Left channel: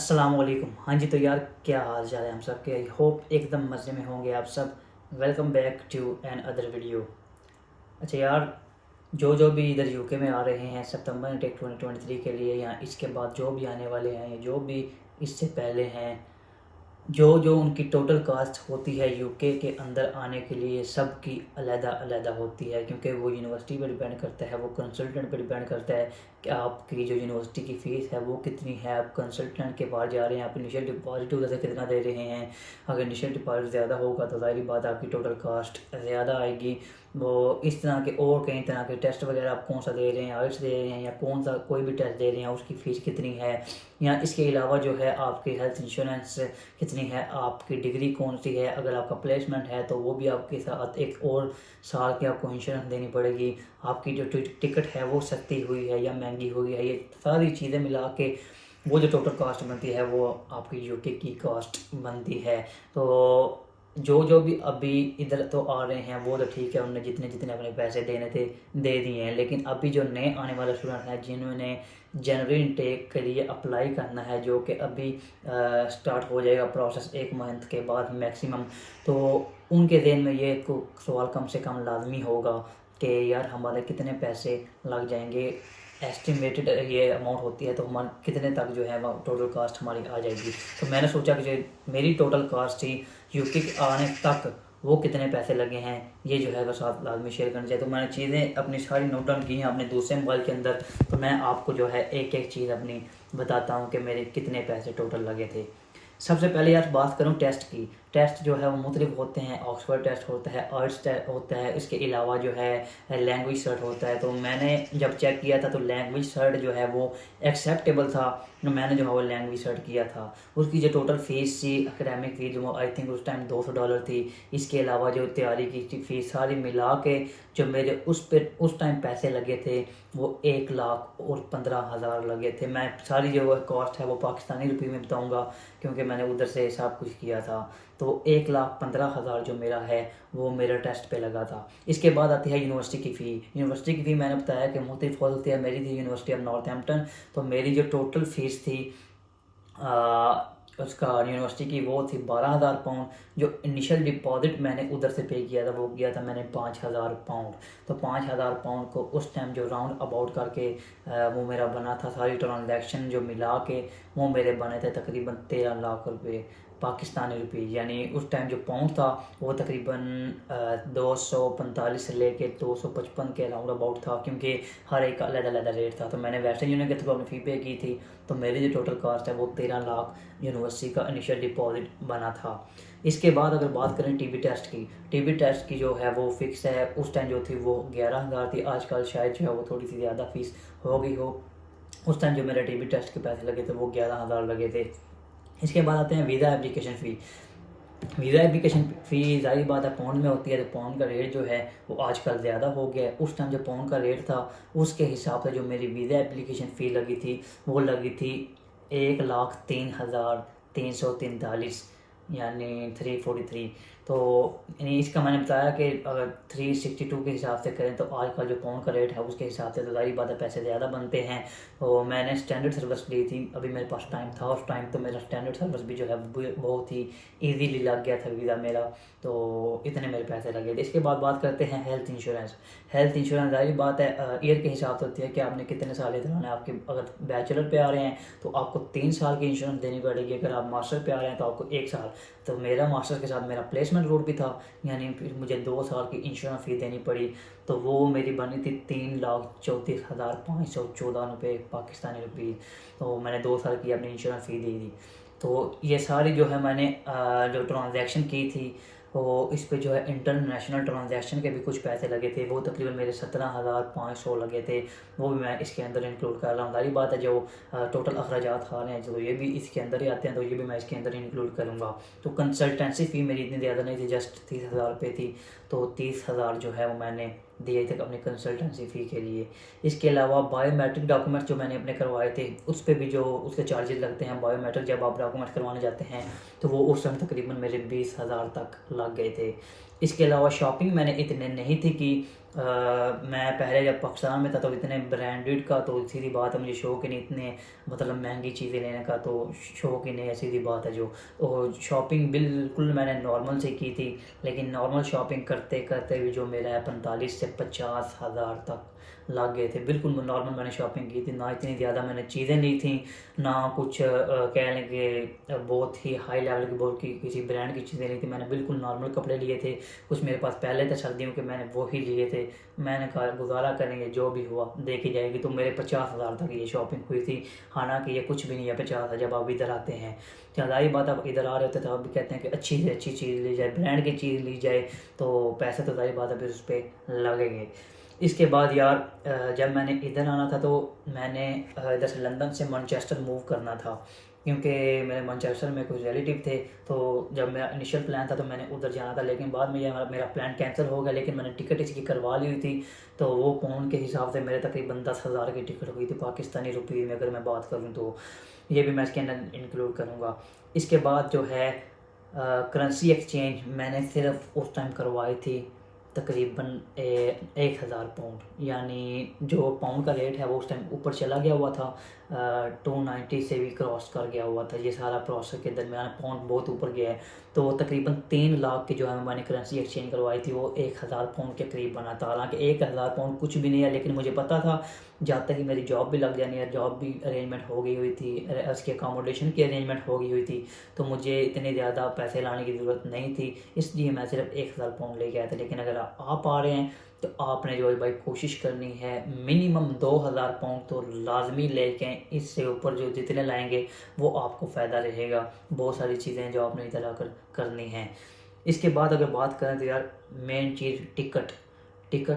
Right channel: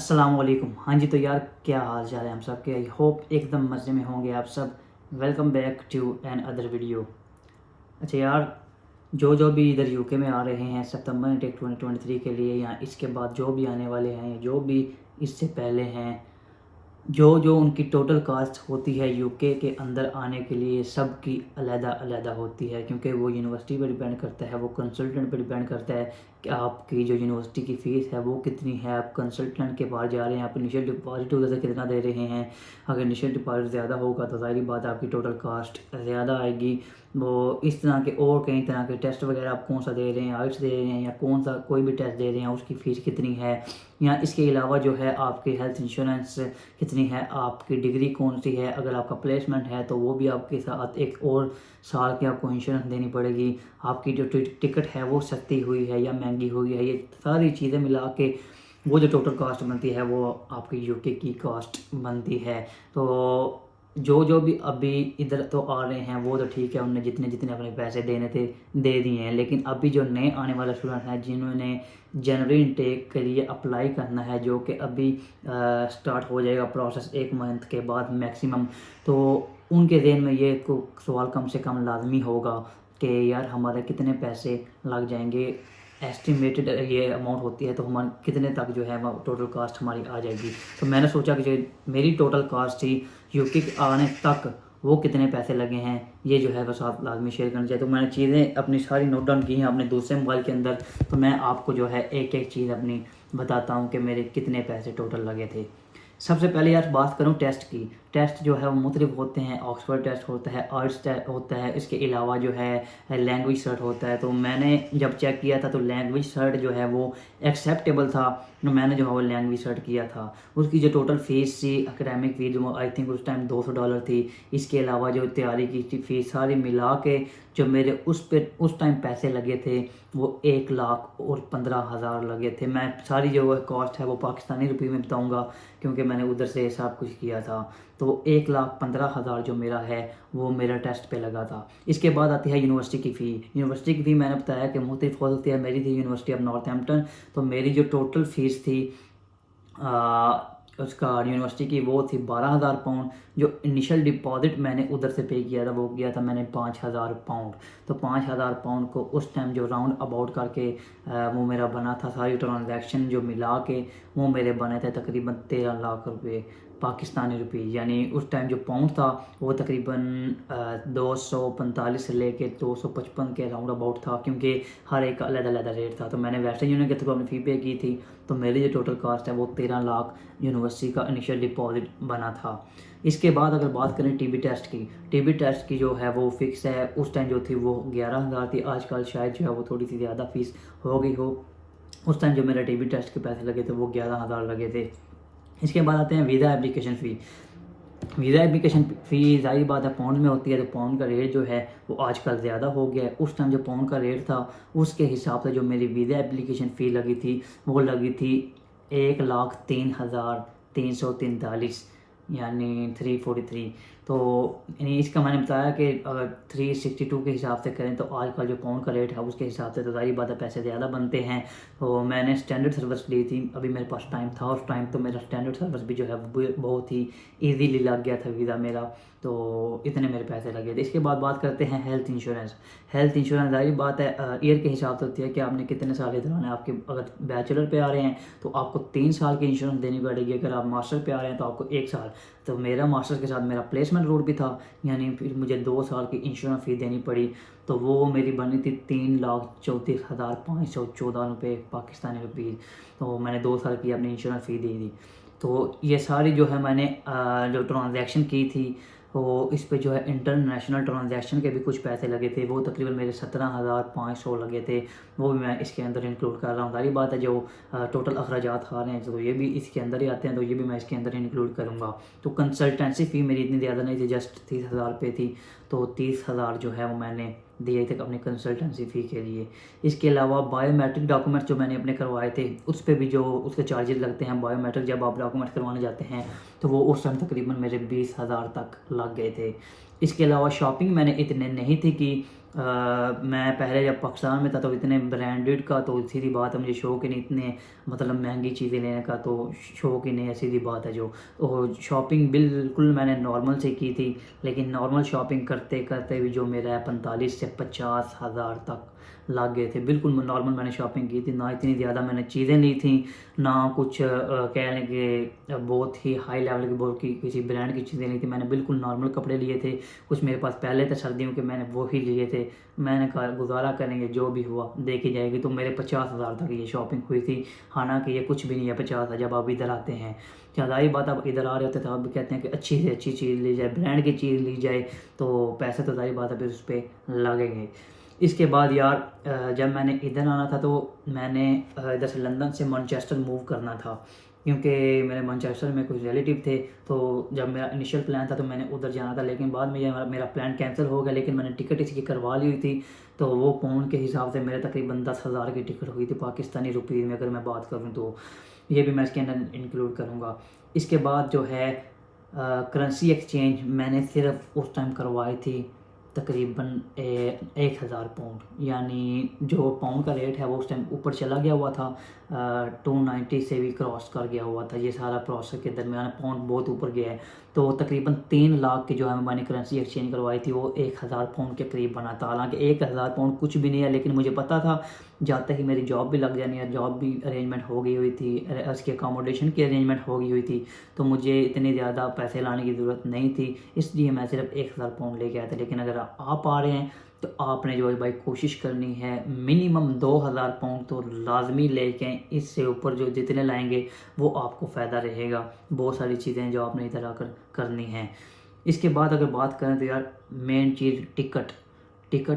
अस्सलाम वालेकुम। हाँ जी, तो यार क्या हाल चाल है हम सब के। आई होप एकदम मज़े में होंगे आप सब। Welcome back to another video. अच्छा यार, जो भी इधर यूके में आ रहे हैं सितंबर इनटेक 2023 के लिए, या इसके बाद जो भी आने वाले हैं, जो भी इससे पहले हैं, जो जो उनकी टोटल कास्ट होती है यूके के अंदर आने के लिए, सब की अलग अलग होती है, क्योंकि वो यूनिवर्सिटी पर डिपेंड करता है, वो कंसल्टेंट पर डिपेंड करता है कि आपकी जो यूनिवर्सिटी की फ़ीस है वो कितनी है। आप कंसल्टेंट के पास जा रहे हैं, आप इनिशियल डिपॉजिट उधर से कितना दे रहे हैं। अगर इनिशियल डिपॉजिट ज़्यादा होगा तो ज़ाहिर बात आपकी टोटल कास्ट ज़्यादा आएगी। वो इस तरह के और कई तरह के टेस्ट वगैरह आप कौन सा दे रहे हैं, आइल्स दे रहे हैं या कौन सा कोई भी टेस्ट दे रहे हैं, उसकी फ़ीस कितनी है। या इसके अलावा जो है आपकी हेल्थ इंश्योरेंस कितनी है, आपकी डिग्री कौन सी है, अगर आपका प्लेसमेंट है तो वो भी आपके साथ एक और साल की आपको इंश्योरेंस देनी पड़ेगी। आपकी जो टिकट है वो सस्ती हुई है या महंगी हुई है, ये सारी चीज़ें मिला के वो जो टोटल कास्ट बनती है वो आपकी यूके की कास्ट बनती है। तो जो भी अभी इधर तो आ रहे हैं वो तो ठीक है, उन्होंने जितने जितने अपने पैसे देने थे दे दिए हैं। लेकिन अभी जो नए आने वाले स्टूडेंट हैं जिन्होंने जनवरी इनटेक के लिए अप्लाई करना है, जो कि अभी स्टार्ट हो जाएगा प्रोसेस 1 मंथ के बाद मैक्सिमम, तो उनके ज़हन में ये सवाल कम से कम लाजमी होगा कि यार हमारे कितने पैसे लग जाएंगे। एस्टिमेटेड ये अमाउंट होती है तो हमारे कितने तक जो है वो टोटल कास्ट हमारी आ जाएगी। तो मैंने सोचा कि जो मेरी टोटल कास्ट थी यूके के आने तक वो कितने पैसे लगे हैं, ये जो है वो साथ लाजमी शेयर करना चाहिए। तो मैंने चीज़ें अपनी सारी नोट डाउन की हैं अपने दूसरे मोबाइल के अंदर। तो मैं आपको जो है एक एक चीज़ अपनी बताता हूँ कि मेरे कितने पैसे टोटल लगे थे। सबसे पहले यार बात करूँ टेस्ट की। टेस्ट जो है वो मुख्तलिफ होते हैं। ऑक्सफोर्ड टेस्ट होता है, आइल्स टेस्ट होता है, इसके अलावा जो है लैंग्वेज सर्ट होता है। तो मैंने जब चेक किया था तो लैंग्वेज सर्ट जो है वो एक्सेप्टेबल था, तो मैंने जो है वो लैंग्वेज सर्ट किया था। उसकी जो टोटल फ़ीस थी एकेडमिक फ़ीस, वो आई थिंक उस टाइम $200 थी। इसके अलावा जो तैयारी की फ़ीस सारी मिला के जो मेरे उस टाइम पैसे लगे थे वो 1,15,000 लगे थे। मैं सारी जो कॉस्ट है वो पाकिस्तानी रुपये में बताऊँगा क्योंकि मैंने उधर से सब कुछ किया था। तो 1,15,000 जो मेरा है वो मेरा टेस्ट पे लगा था। इसके बाद आती है यूनिवर्सिटी की फ़ी। यूनिवर्सिटी की फ़ी मैंने बताया कि मुख्तलिफ हो सकती है। मेरी थी यूनिवर्सिटी ऑफ नॉर्थहैम्पटन, तो मेरी जो टोटल फ़ीस थी उसका यूनिवर्सिटी की वो थी £12,000। जो इनिशियल डिपॉजिट मैंने उधर से पे किया था वो किया था मैंने £5,000। तो £5,000 को उस टाइम जो राउंड अबाउट करके वो मेरा बना था, सारी ट्रांजैक्शन जो मिला के वो मेरे बने थे तकरीबन 13 लाख रुपए पाकिस्तानी रुपये। यानी उस टाइम जो पाउंड था वो तकरीबन 245 से लेके 255 के राउंड अबाउट था, क्योंकि हर एक का अलग अलग रेट था। तो मैंने वेस्टर्न यूनियन के थ्रू अपनी फ़ी पे की थी। तो मेरी जो टोटल कास्ट है वो 13 लाख यूनिवर्सिटी का इनिशियल डिपॉजिट बना था। इसके बाद अगर बात करें टीबी टेस्ट की जो है वो फिक्स है। उस टाइम जो थी वो 11,000 थी। आजकल शायद जो है वो थोड़ी सी ज़्यादा फीस हो गई हो। उस टाइम जो मेरे टीबी टेस्ट के पैसे लगे थे वो 11,000 लगे थे। इसके बाद आते हैं visa application fee. Visa application fee ज़ाहिर बात है पाउंड में होती है, तो पाउंड का रेट जो है वो आजकल ज़्यादा हो गया है। उस टाइम जो पाउंड का रेट था उसके हिसाब से जो मेरी वीज़ा एप्लीकेशन फ़ी लगी थी वो लगी थी 1,03,343, यानी 343। तो यानी इसका मैंने बताया कि अगर 362 के हिसाब से करें तो आजकल जो पाउंड का रेट है उसके हिसाब से तो ज़ाहिर बात है पैसे ज़्यादा बनते हैं। तो मैंने स्टैंडर्ड सर्विस ली थी, अभी मेरे पास टाइम था उस टाइम, तो मेरा स्टैंडर्ड सर्विस भी जो है वो बहुत ही ईजीली लग गया था वीज़ा मेरा। तो इतने मेरे पैसे लगे थे। इसके बाद बात करते हैं हेल्थ इंश्योरेंस। हेल्थ इंश्योरेंस ज़ाहिर बात है ईयर के हिसाब से होती है कि आपने कितने साल इधर आना है। आपके अगर बैचलर पे आ रहे हैं तो आपको 3 साल की इंश्योरेंस देनी पड़ेगी। अगर आप मास्टर पे आ रहे हैं तो आपको 1 साल। तो मेरा मास्टर के साथ मेरा प्लेसमेंट रूट भी था, यानी फिर मुझे 2 साल की इंश्योरेंस फ़ी देनी पड़ी। तो वो मेरी बनी थी 3,34,514 रुपये पाकिस्तानी रुपीज़। तो मैंने 2 साल की अपनी इंश्योरेंस फ़ी दी थी। तो ये सारी जो है मैंने जो ट्रांजैक्शन की थी वो इस पे जो है इंटरनेशनल ट्रांजैक्शन के भी कुछ पैसे लगे थे। वो तकरीबन मेरे 17,500 लगे थे। वो भी मैं इसके अंदर इंक्लूड कर रहा हूँ। सारी बात है जो टोटल अखराजात आ रहे हैं तो ये भी इसके अंदर ही आते हैं, तो ये भी मैं इसके अंदर इंक्लूड करूँगा। तो कंसल्टेंसी फ़ी मेरी इतनी ज़्यादा नहीं थी, जस्ट 30,000 रुपये थी। तो 30,000 जो है वो मैंने दिए थे अपनी कंसल्टेंसी फ़ी के लिए। इसके अलावा बायोमेट्रिक डॉक्यूमेंट्स जो मैंने अपने करवाए थे उस पर भी जो उसके चार्जेस लगते हैं, बायोमेट्रिक जब आप डॉक्यूमेंट करवाने जाते हैं तो वो उस टाइम तकरीबन मेरे 20,000 तक लग गए थे। इसके अलावा शॉपिंग मैंने इतने नहीं थी कि मैं पहले जब पाकिस्तान में था तो इतने ब्रांडेड का तो सीधी बात है मुझे शौक ही नहीं, इतने मतलब महंगी चीज़ें लेने का तो शौक ही नहीं है, सीधी बात है जो। तो शॉपिंग बिल्कुल मैंने नॉर्मल से की थी, लेकिन नॉर्मल शॉपिंग करते करते भी जो मेरा है 45 से 50 हज़ार तक लग गए थे। बिल्कुल नॉर्मल मैंने शॉपिंग की थी, ना इतनी ज़्यादा मैंने चीज़ें ली थी, ना कुछ कह लें कि बहुत ही हाई लेवल की बहुत की किसी ब्रांड की चीज़ें ली थी। मैंने बिल्कुल नॉर्मल कपड़े लिए थे, कुछ मेरे पास पहले थे सर्दियों के, मैंने वो ही लिए थे। मैंने कहा गुजारा करेंगे, जो भी हुआ देखी जाएगी। तो मेरे 50 हज़ार तक ये शॉपिंग हुई थी। हालांकि ये कुछ भी नहीं है 50 जब आप इधर आते हैं। ज़्यादा ही बात आप इधर आ रहे होते तो आप भी कहते हैं कि अच्छी से अच्छी चीज़ ली जाए, ब्रांड की चीज़ ली जाए, तो पैसे तो सारी बात है फिर उस पर लगेंगे। इसके बाद यार जब मैंने इधर आना था तो मैंने इधर से लंदन से मैनचेस्टर मूव करना था, क्योंकि मेरे मैनचेस्टर में कुछ रिलेटिव थे। तो जब मेरा इनिशियल प्लान था तो मैंने उधर जाना था, लेकिन बाद में ये मेरा प्लान कैंसिल हो गया। लेकिन मैंने टिकट इसकी करवा ली हुई थी, तो वो पाउंड के हिसाब से मेरे तकरीबन 10,000 की टिकट हुई थी पाकिस्तानी रुपये में, अगर मैं बात करूँ तो। ये भी मैं इसके अंदर इंक्लूड करूँगा। इसके बाद जो है करेंसी एक्सचेंज मैंने सिर्फ उस टाइम करवाई थी तकरीबन 1,000 पाउंड, यानी जो पाउंड का रेट है वो उस टाइम ऊपर चला गया हुआ था, 290 से भी क्रॉस कर गया हुआ था। ये सारा प्रोसेस के दरमियान पाउंड बहुत ऊपर गया है। तो तकरीबन 3 लाख की जो है मैंने करेंसी एक्सचेंज करवाई थी, वो 1,000 पाउंड के करीब बना था। हालांकि 1,000 पाउंड कुछ भी नहीं है, लेकिन मुझे पता था जाते ही मेरी जॉब भी लग जानी है, जॉब भी अरेंजमेंट हो गई हुई थी, उसके अकोमोडेशन की अरेंजमेंट हो गई हुई थी, तो मुझे इतने ज़्यादा पैसे लाने की ज़रूरत नहीं थी, इसलिए मैं सिर्फ 1,000 पाउंड लेके आया था। लेकिन अगर आप आ रहे हैं तो आपने जो है भाई कोशिश करनी है मिनिमम 2,000 पाउंड तो लाजमी लेके, इससे ऊपर जो जितने लाएंगे वो आपको फ़ायदा रहेगा। बहुत सारी चीज़ें जो आपने इधर आकर करनी हैं। इसके बाद अगर बात करें तो यार मेन चीज़ टिकट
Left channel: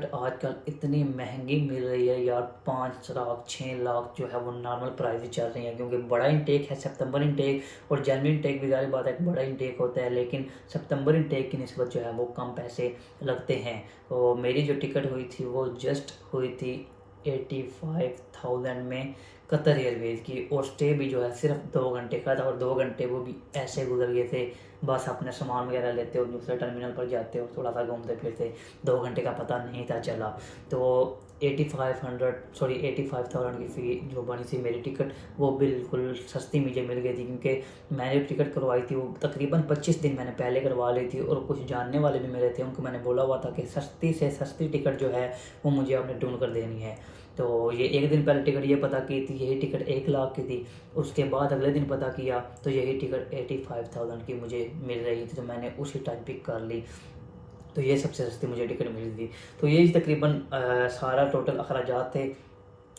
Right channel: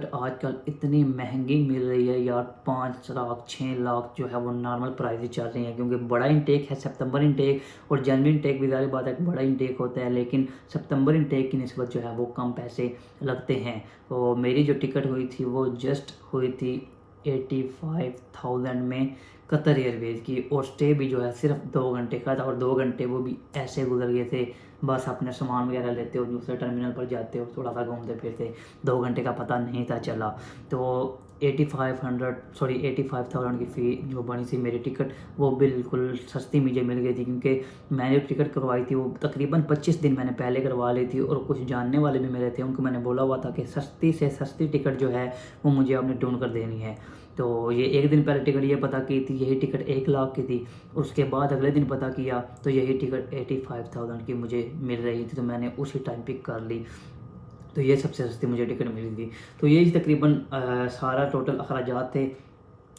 आजकल इतनी महंगी मिल रही है यार, 5 लाख 6 लाख जो है वो नॉर्मल प्राइस चल रही है। क्योंकि बड़ा इंटेक है, सितंबर इंटेक और जनवरी इंटेक भी ज़्यादा बात है, बड़ा इंटेक होता है, लेकिन सितंबर इंटेक की निस्बत जो है वो कम पैसे लगते हैं। तो मेरी जो टिकट हुई थी वो जस्ट हुई थी 85,000 में कतर एयरवेज की, और स्टे भी जो है सिर्फ 2 घंटे का था, और 2 घंटे वो भी ऐसे गुजर गए थे, बस अपने सामान वगैरह लेते हो दूसरे टर्मिनल पर जाते हो, थोड़ा सा घूमते फिरते, 2 घंटे का पता नहीं था चला। तो 85,000 की फ़ी जो बनी थी मेरी टिकट, वो बिल्कुल सस्ती मुझे मिल गई थी। क्योंकि मैंने टिकट करवाई थी वो तकरीबन 25 दिन मैंने पहले करवा ली थी, और कुछ जानने वाले भी मेरे थे, उनको मैंने बोला हुआ था कि सस्ती से सस्ती टिकट जो है वो मुझे आपने ढूंढ कर देनी है। तो ये एक दिन पहले टिकट ये पता की थी, यही टिकट 1 लाख की थी। उसके बाद अगले दिन पता किया तो यही टिकट 85,000 की मुझे मिल रही थी, तो मैंने उसी टाइम पिक कर ली। तो ये सबसे सस्ती मुझे टिकट मिली थी। तो यही तकरीबन सारा टोटल अखराजात थे।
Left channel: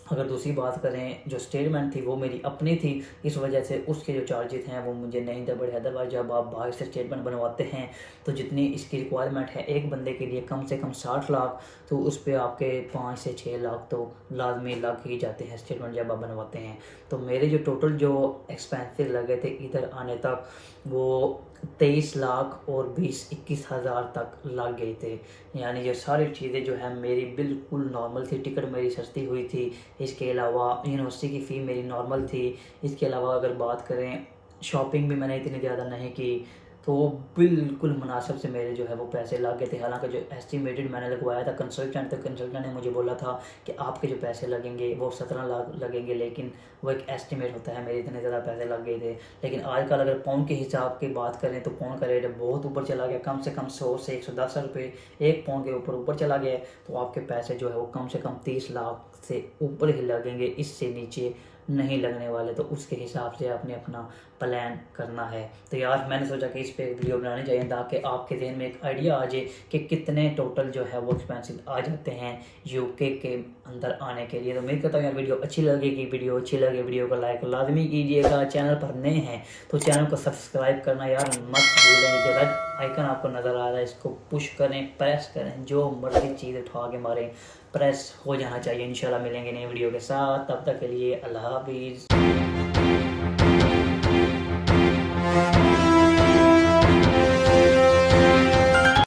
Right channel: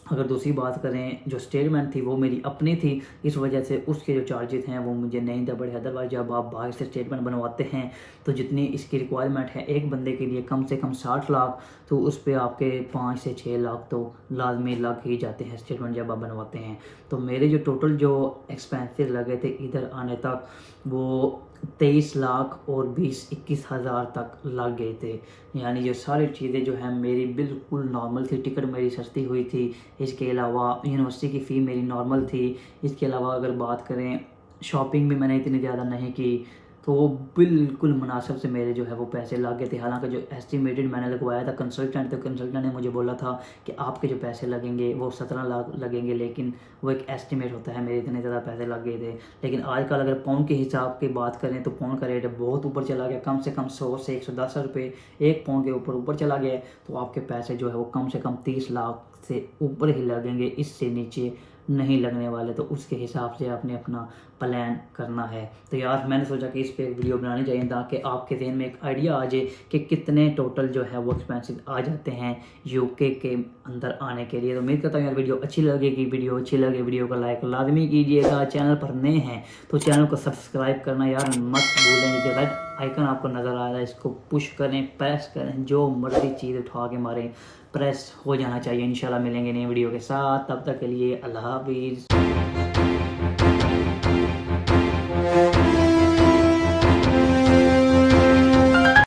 अगर दूसरी बात करें, जो स्टेटमेंट थी वो मेरी अपनी थी, इस वजह से उसके जो चार्जेस हैं वो मुझे नहीं दे पड़े। अदरवाइज जब आप बाहर से स्टेटमेंट बनवाते हैं तो जितनी इसकी रिक्वायरमेंट है एक बंदे के लिए कम से कम 60 लाख, तो उस पर आपके 5 से 6 लाख तो लाजमी लग ही जाते हैं स्टेटमेंट जब आप बनवाते हैं। तो मेरे जो टोटल जो एक्सपेंसेस लगे थे इधर आने तक वो 23 लाख और 20-21 हज़ार तक लग गए थे। यानी ये सारी चीज़ें जो है मेरी बिल्कुल नॉर्मल थी, टिकट मेरी सस्ती हुई थी। इसके अलावा यूनिवर्सिटी की फ़ी मेरी नॉर्मल थी। इसके अलावा अगर बात करें शॉपिंग भी मैंने इतनी ज़्यादा नहीं की, तो वो बिल्कुल मुनासिब से मेरे जो है वो पैसे लग गए थे। हालांकि जो एस्टिमेटेड मैंने लगवाया था कंसल्टेंट, तो कंसल्टेंट ने मुझे बोला था कि आपके जो पैसे लगेंगे वो 17 लाख लगेंगे, लेकिन वो एक एस्टिमेट होता है, मेरे इतने ज़्यादा पैसे लग गए थे। लेकिन आजकल अगर पाउंड के हिसाब की बात करें तो पाउंड का रेट बहुत ऊपर चला गया, कम से कम 100 से 110 रुपये एक पाउंड के ऊपर चला गया। तो आपके पैसे जो है वो कम से कम 30 लाख से ऊपर ही लगेंगे, इससे नीचे नहीं लगने वाले। तो उसके हिसाब से आपने अपना प्लान करना है। तो यार मैंने सोचा कि इस पे वीडियो बनानी चाहिए ताकि आपके ज़हन में एक आइडिया आ जाए कि कितने टोटल जो है वो एक्सपेंसेस आ जाते हैं यूके के अंदर आने के लिए। तो उम्मीद करता हूँ यार वीडियो अच्छी लगेगी। वीडियो अच्छी लगे वीडियो को लाइक लाजमी कीजिएगा। चैनल पर नए हैं तो चैनल को सब्सक्राइब करना यार मत भूलेंगे। जो रेड आइकन आपको नज़र आ रहा है इसको पुश करें, प्रेस करें, जो मर्जी चीज़ उठा के मारें, प्रेस हो जाना चाहिए। इंशाल्लाह मिलेंगे नई वीडियो के साथ, तब तक के लिए अल्लाह हाफिज़।